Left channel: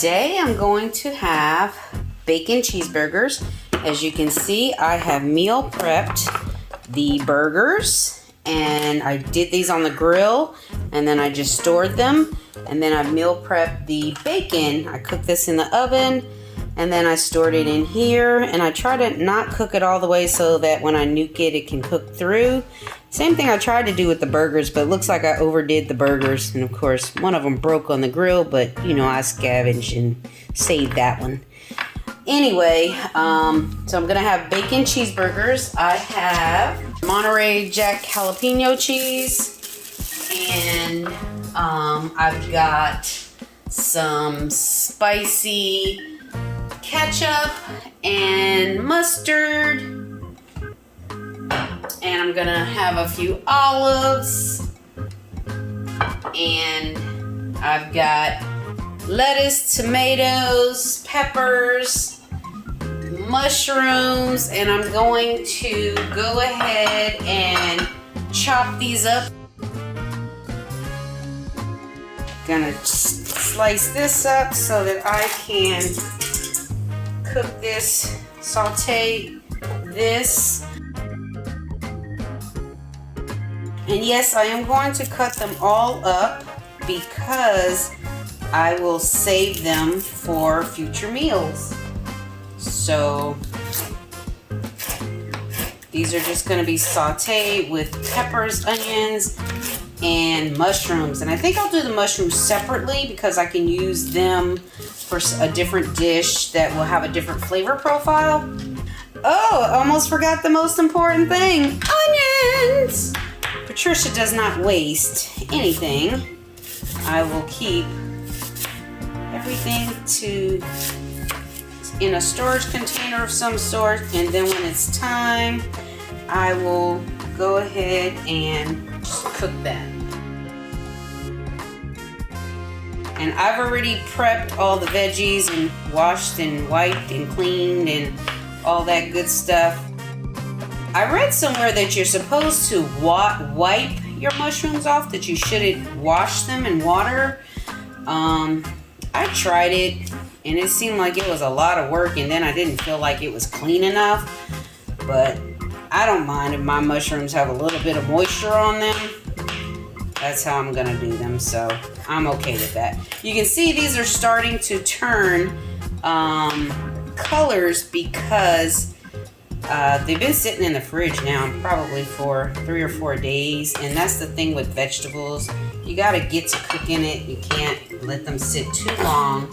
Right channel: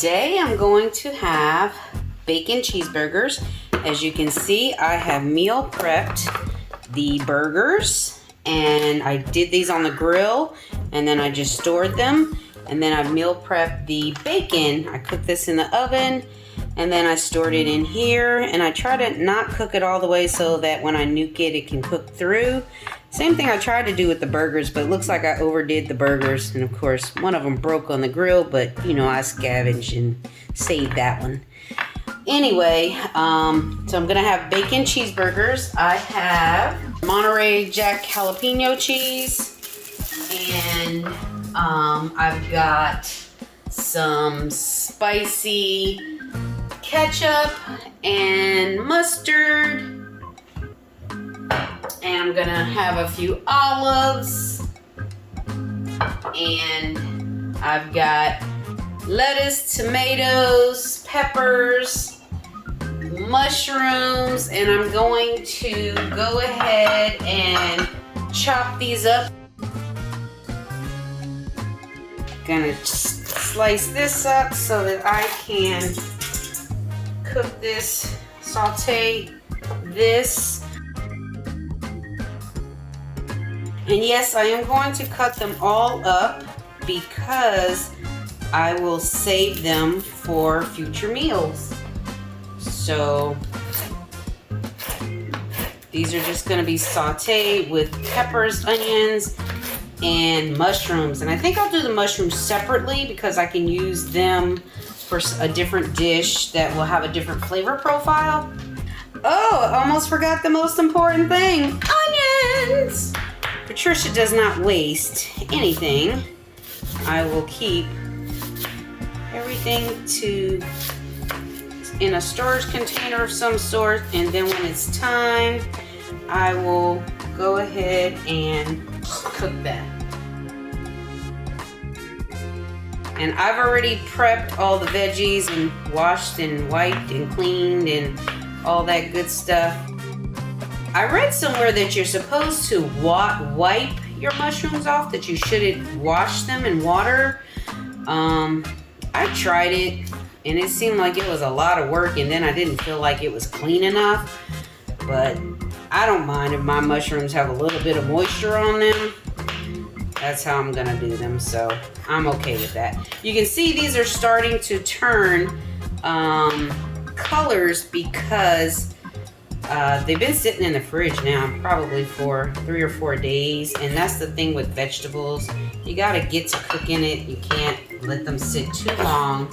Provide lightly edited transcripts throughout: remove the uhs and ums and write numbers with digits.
Today I'm going to have bacon cheeseburgers. As you can see, I have meal prepped the burgers, and I did these on the grill, and then I just stored them, and then I meal prepped the bacon. I cooked this in the oven, and then I stored it in here, and I try to not cook it all the way so that when I nuke it, it can cook through. Same thing I tried to do with the burgers, but it looks like I overdid the burgers. And of course, one of them broke on the grill, but you know, I scavenged and saved that one. Anyway, so I'm gonna have bacon cheeseburgers. I have Monterey Jack jalapeno cheese, and I've got some spicy ketchup and mustard. And I'm gonna have a few olives, and I've got lettuce, tomatoes, peppers, mushrooms, and I'm going to go ahead and chop these up. Gonna slice this up so that I can cook this, saute this. And yes, I am going to cut them all up because I will save them for future meals. So these are just going to be sauteed with peppers, onions, and mushrooms. And I think I'll do the mushrooms separately because I can use them for a different dish that will have a different flavor profile. Oh, I almost forgot the most important thing. Onions! Patricia does not waste anything. I will keep everything in a storage container of some sort, and then when it's time, I will go ahead and cook that. And I've already prepped all the veggies and washed and wiped and cleaned and all that good stuff. I read somewhere that you're supposed to wipe your mushrooms off, that you shouldn't wash them in water. I tried it, and it seemed like it was a lot of work, and then I didn't feel like it was clean enough. But I don't mind if my mushrooms have a little bit of moisture on them. That's how I'm gonna do them, so I'm okay with that. You can see these are starting to turn colors because they've been sitting in the fridge now probably for 3 or 4 days, and that's the thing with vegetables. You gotta get to cooking it. You can't let them sit too long.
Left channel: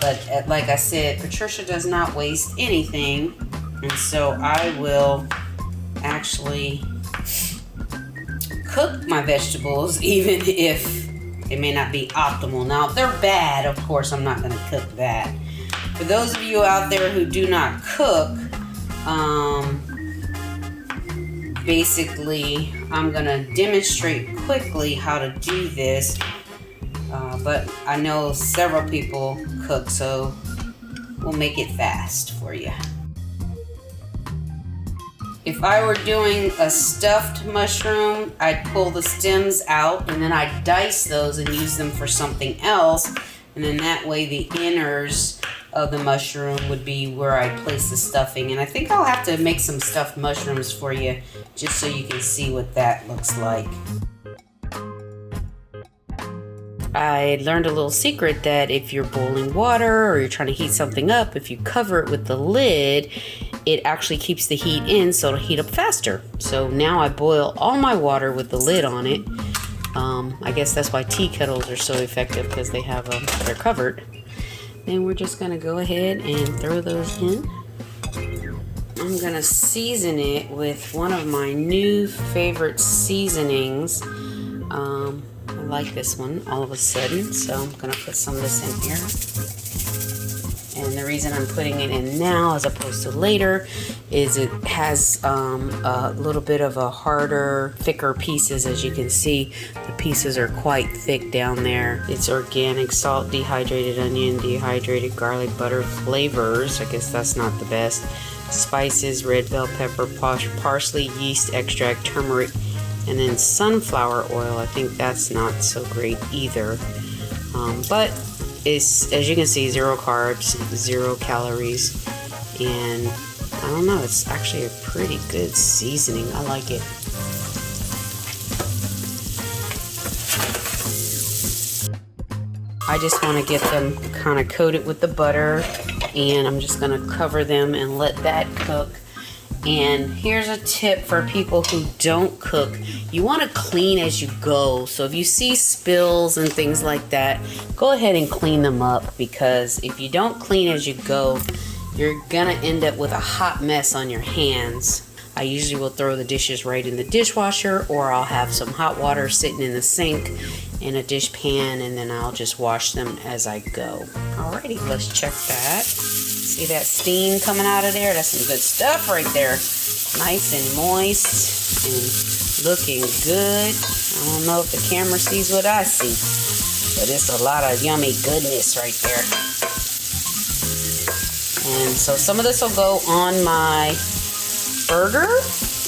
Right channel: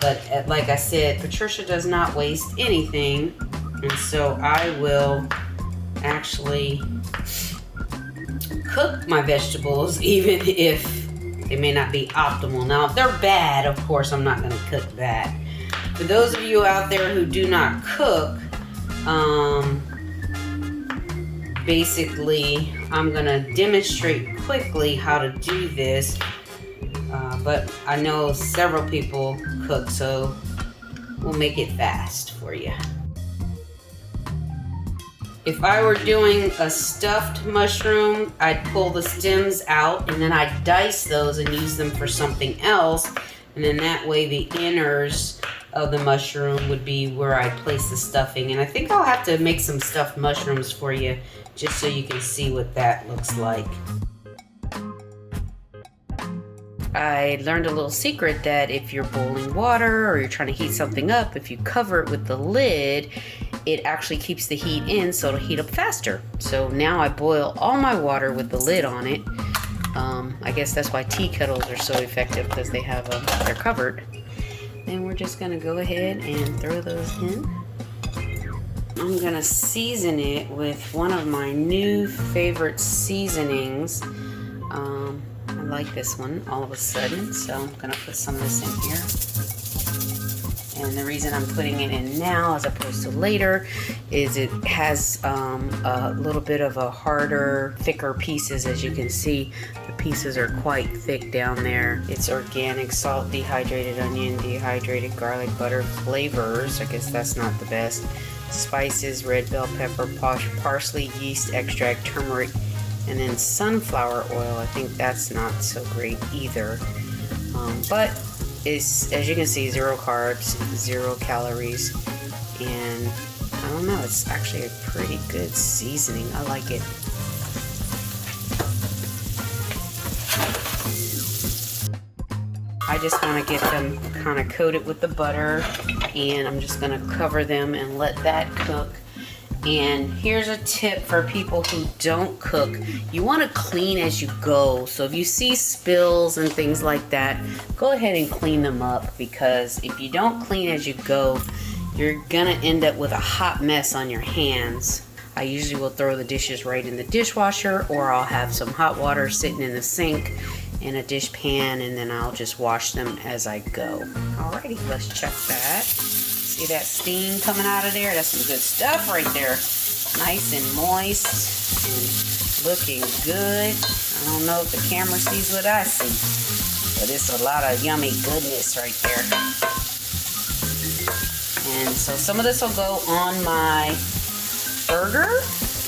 But like I said, Patricia does not waste anything, and so I will actually cook my vegetables even if they may not be optimal. Now, if they're bad, of course, I'm not gonna cook that. For those of you out there who do not cook, basically, I'm gonna demonstrate quickly how to do this, but I know several people cook, so we'll make it fast for you. If I were doing a stuffed mushroom, I'd pull the stems out, and then I'd dice those and use them for something else, and then that way the inners of the mushroom would be where I place the stuffing. And I think I'll have to make some stuffed mushrooms for you just so you can see what that looks like. I learned a little secret that if you're boiling water or you're trying to heat something up, if you cover it with the lid, it actually keeps the heat in, so it'll heat up faster. So now I boil all my water with the lid on it. I guess that's why tea kettles are so effective, because they have they're covered. And we're just gonna go ahead and throw those in. I'm gonna season it with one of my new favorite seasonings. I like this one all of a sudden, so I'm gonna put some of this in here. And the reason I'm putting it in now as opposed to later is it has a little bit of a harder, thicker pieces. As you can see, the pieces are quite thick down there. It's organic salt, dehydrated onion, dehydrated garlic butter flavors. I guess that's not the best. Spices, red bell pepper, parsley, yeast extract, turmeric, and then sunflower oil. I think that's not so great either. But is, as you can see, 0 carbs, 0 calories, and I don't know, it's actually a pretty good seasoning. I like it. I just want to get them kind of coated with the butter, and I'm just going to cover them and let that cook. And here's a tip for people who don't cook. You want to clean as you go. So if you see spills and things like that, go ahead and clean them up, because if you don't clean as you go, you're gonna end up with a hot mess on your hands. I usually will throw the dishes right in the dishwasher, or I'll have some hot water sitting in the sink in a dish pan, and then I'll just wash them as I go. Alrighty, let's check that. See that steam coming out of there? That's some good stuff right there. Nice and moist and looking good. I don't know if the camera sees what I see, but it's a lot of yummy goodness right there. And so some of this will go on my burger,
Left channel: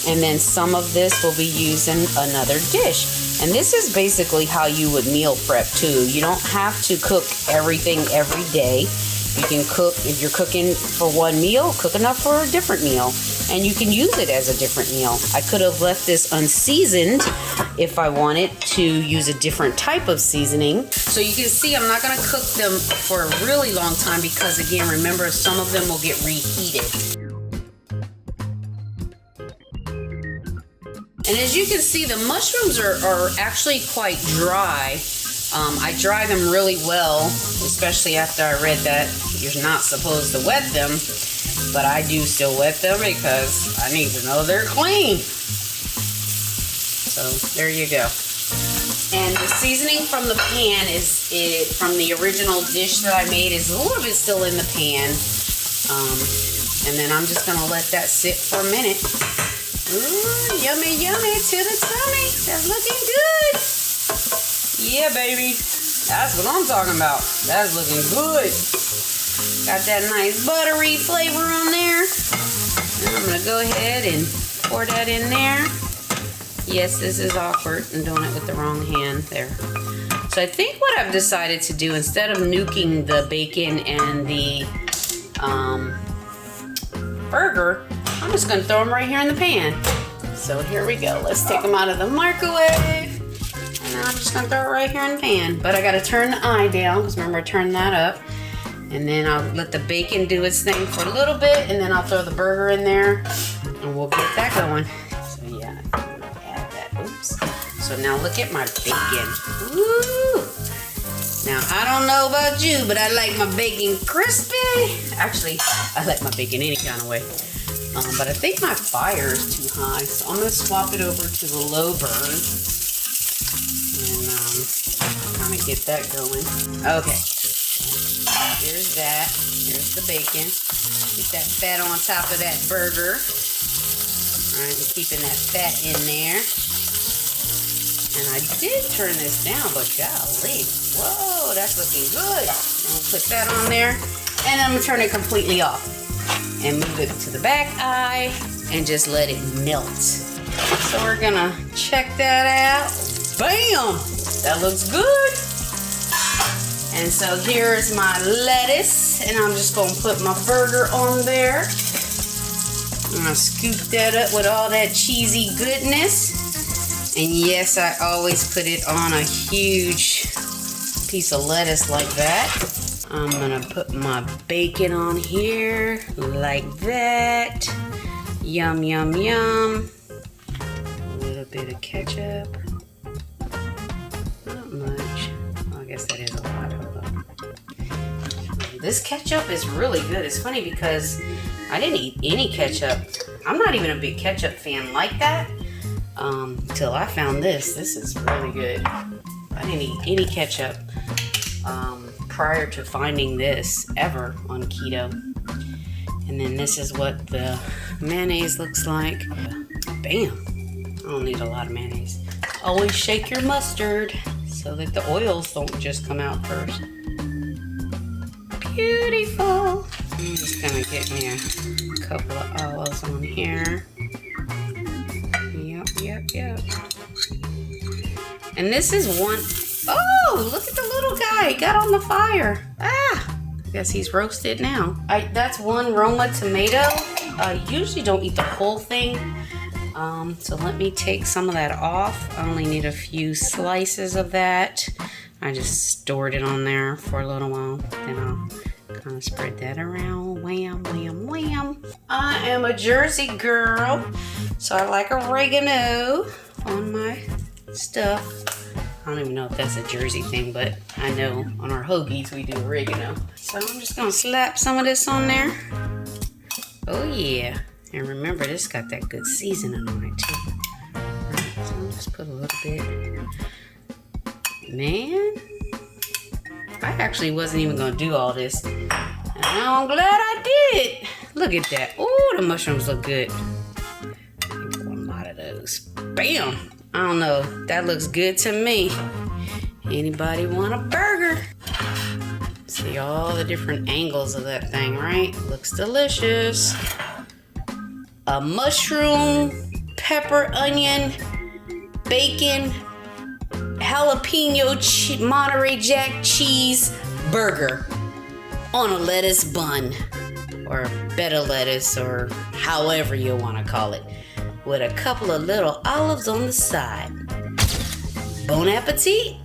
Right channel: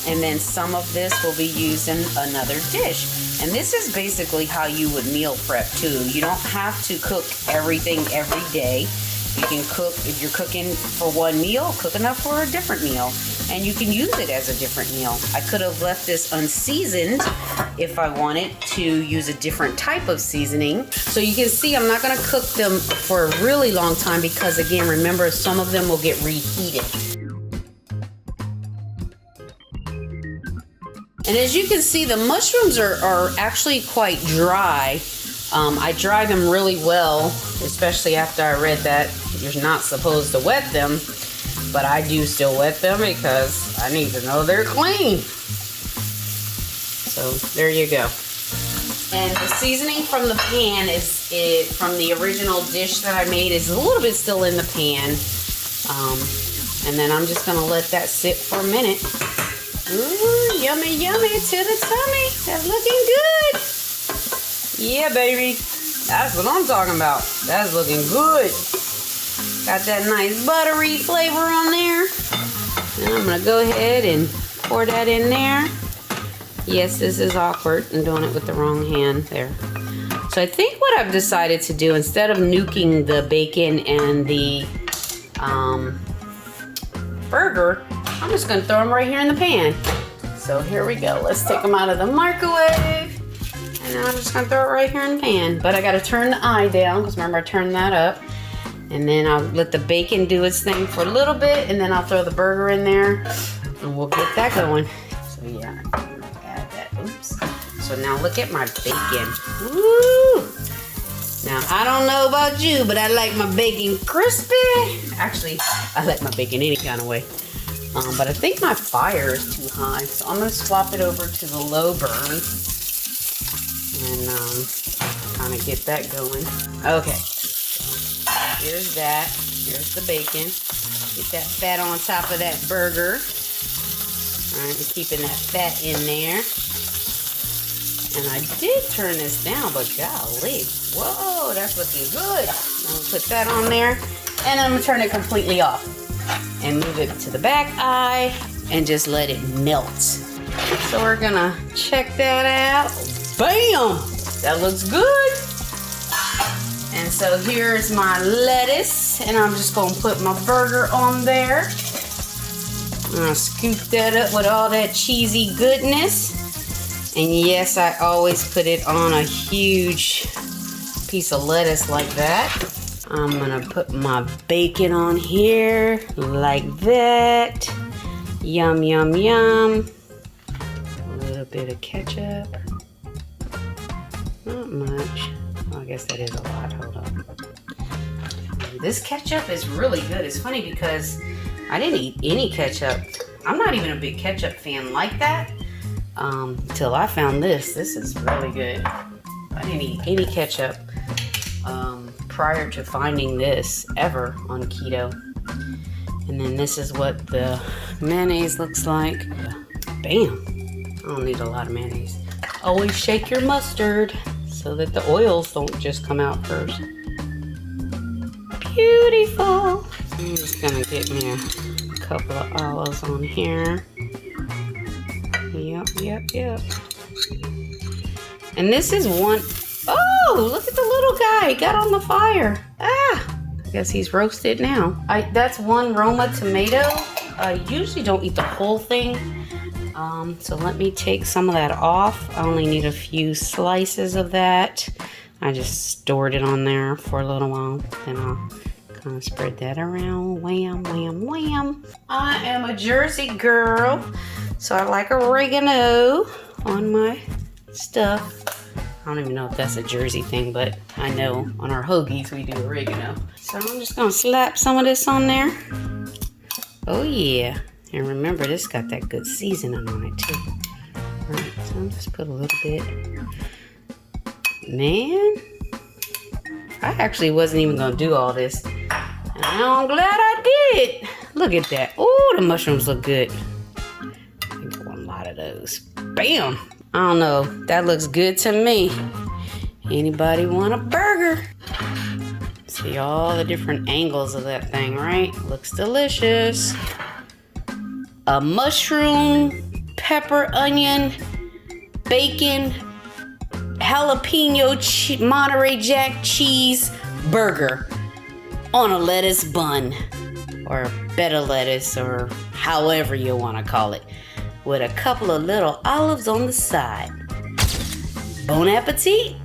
and then some of this will be used in another dish. And this is basically how you would meal prep too. You don't have to cook everything every day. You can cook, if you're cooking for one meal, cook enough for a different meal. And you can use it as a different meal. I could have left this unseasoned if I wanted to use a different type of seasoning. So you can see I'm not gonna cook them for a really long time, because again, remember, some of them will get reheated. And as you can see, the mushrooms are actually quite dry. I dry them really well, especially after I read that you're not supposed to wet them, but I do still wet them because I need to know they're clean. So there you go. And the seasoning from the pan from the original dish that I made is a little bit still in the pan. And then I'm just gonna let that sit for a minute. Ooh, yummy, yummy to the tummy. That's looking good. Yeah, baby. That's what I'm talking about. That's looking good. Got that nice buttery flavor on there. Now I'm going to go ahead and pour that in there. Yes, this is awkward. I'm doing it with the wrong hand there. So I think what I've decided to do, instead of nuking the bacon and the burger, I'm just going to throw them right here in the pan. So here we go. Let's take them out of the microwave. And I'm just going to throw it right here in the pan. But I got to turn the eye down, because remember I turned that up. And then I'll let the bacon do its thing for a little bit. And then I'll throw the burger in there. And we'll get that going. So yeah, I'm going to add that. Oops. So now look at my bacon. Woo! Now, I don't know about you, but I like my bacon crispy. Actually, I like my bacon any kind of way. But I think my fire is too high, so I'm going to swap it over to the low burn. And kind of get that going. Okay. Here's that. Here's the bacon. Get that fat on top of that burger. Alright, we're keeping that fat in there. And I did turn this down, but golly. Whoa, that's looking good. I'm going to put that on there. And I'm going to turn it completely off. And move it to the back eye and just let it melt. So we're gonna check that out. Bam! That looks good. And so here's my lettuce, and I'm just gonna put my burger on there. I'm gonna scoop that up with all that cheesy goodness. And yes, I always put it on a huge piece of lettuce like that. I'm gonna put my bacon on here like that. Yum, yum, yum. A little bit of ketchup. Not much. Well, I guess that is a lot. Hold on. This ketchup is really good. It's funny because I didn't eat any ketchup. I'm not even a big ketchup fan like that until I found this. This is really good. I didn't eat any ketchup prior to finding this ever on keto. And then this is what the mayonnaise looks like. Bam! I don't need a lot of mayonnaise. Always shake your mustard so that the oils don't just come out first. Beautiful! I'm just gonna get me a couple of olives on here. Yep. And this is Oh, look at the little guy. He got on the fire. Ah, I guess he's roasted now. That's one Roma tomato. I usually don't eat the whole thing. So let me take some of that off. I only need a few slices of that. I just stored it on there for a little while. Then I'll kind of spread that around. Wham, wham, wham. I am a Jersey girl, so I like oregano on my stuff. I don't even know if that's a Jersey thing, but I know on our hoagies we do oregano. So I'm just gonna slap some of this on there. Oh yeah. And remember, this got that good seasoning on it too. Alright, so I'll just put a little bit. Man, I actually wasn't even gonna do all this. And I'm glad I did. Look at that. Oh, the mushrooms look good. I want a lot of those. Bam! I don't know. That looks good to me. Anybody want a burger? See all the different angles of that thing, right? Looks delicious. A mushroom, pepper, onion, bacon, jalapeno, Monterey Jack cheese burger on a lettuce bun, or a bed of lettuce, or however you want to call it, with a couple of little olives on the side. Bon appetit!